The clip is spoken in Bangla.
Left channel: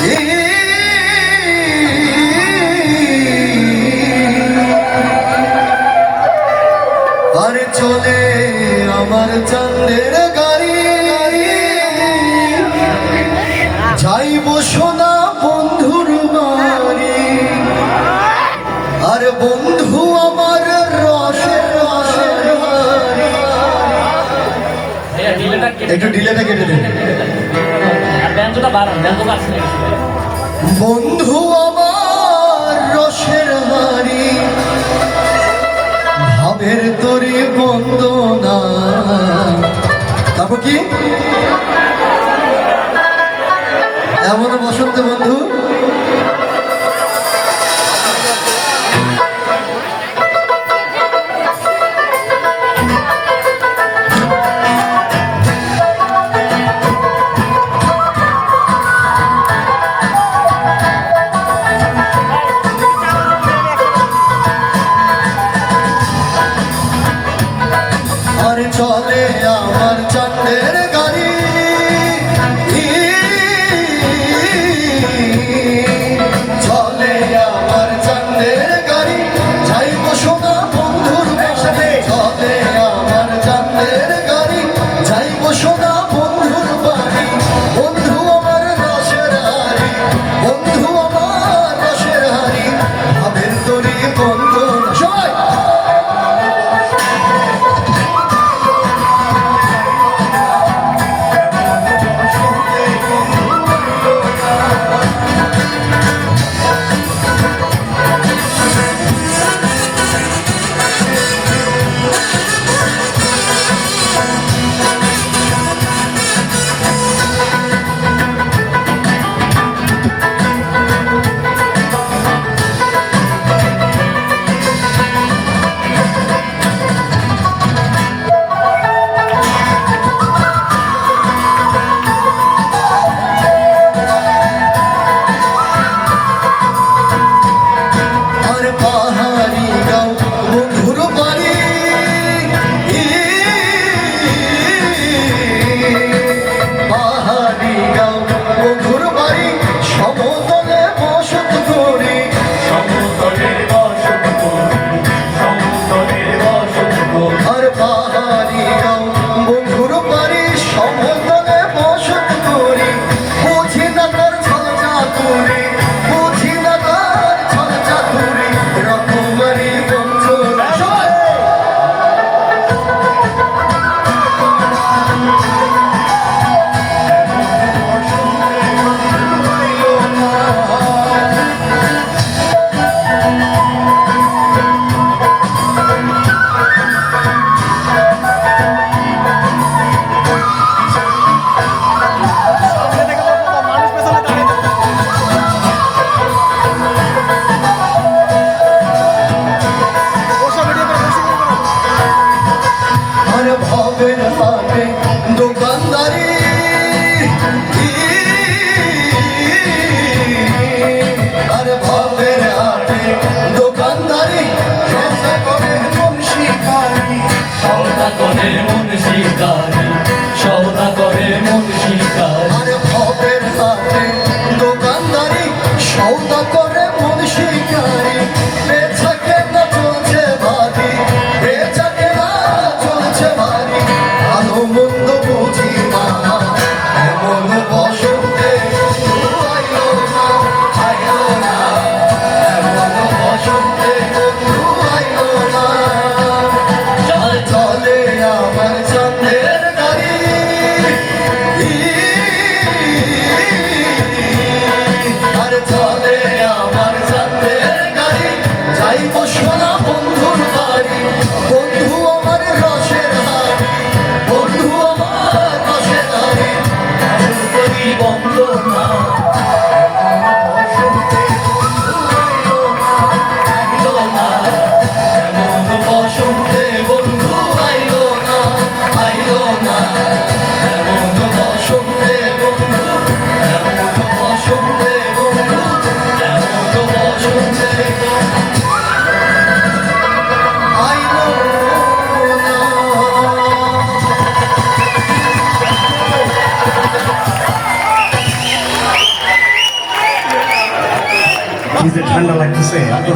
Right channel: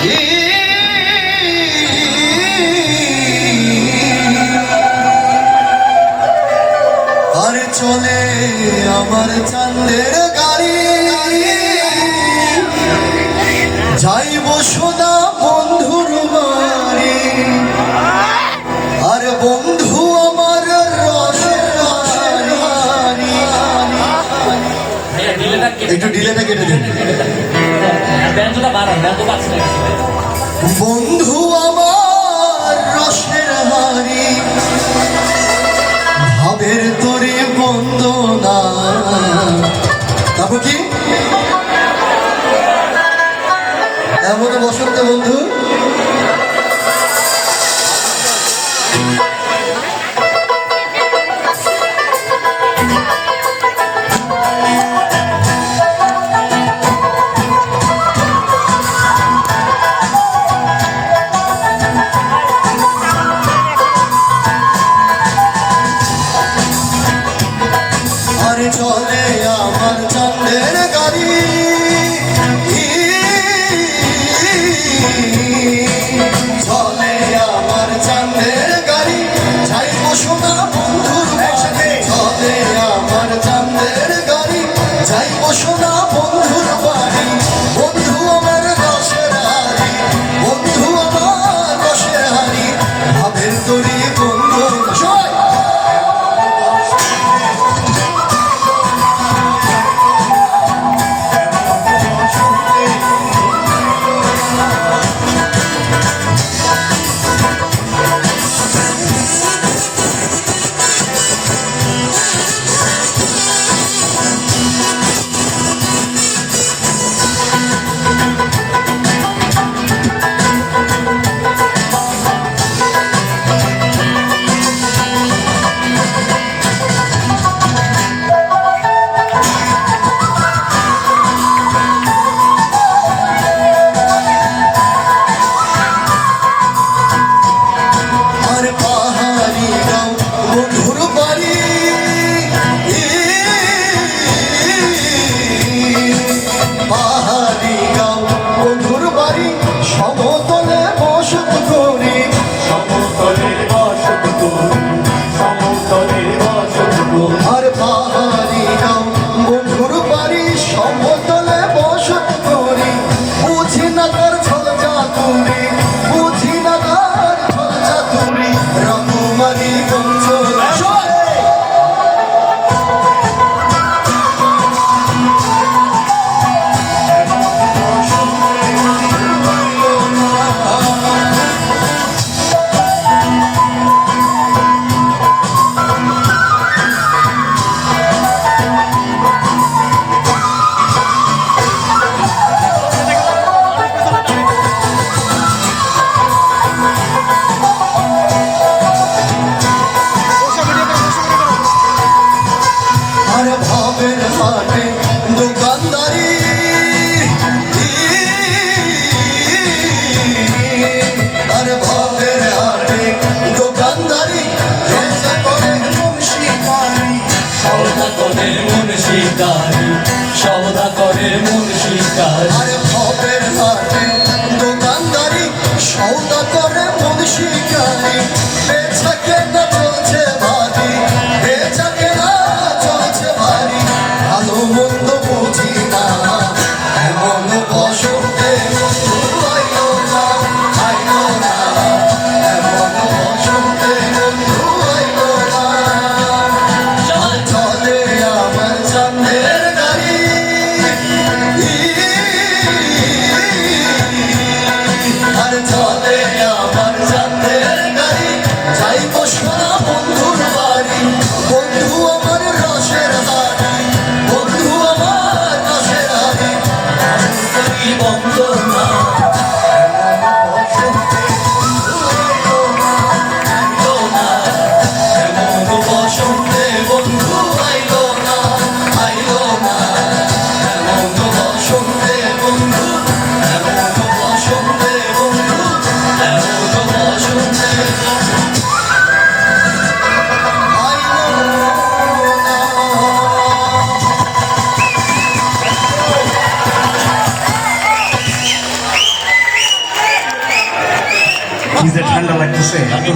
আরে চলে আমার চাঁদের গাড়ি, যাইব সোনা বন্ধুর বাড়ি। আর বন্ধু আমার একটু ডিলেটা কেটে দিন। বন্ধু আমার রসের হাড়ি, ভাবের তরি বন্দনা। তারপর কি এমন বসন্ত বন্ধু চলে আমার চাঁদের গাড়ি, চলে আমার চাঁদের গাড়ি, যাইব সোনা বন্ধুর বাড়ি। চলে আমার চাঁদের গাড়ি, যাইব সোনা বন্ধুর বাড়ি। বন্ধু আমার রসের হাড়ি, বন্ধু আমার রসের হাড়ি, ভাবের তরি বন্ধু। কি যে ঠান্ডা লাগতেছে।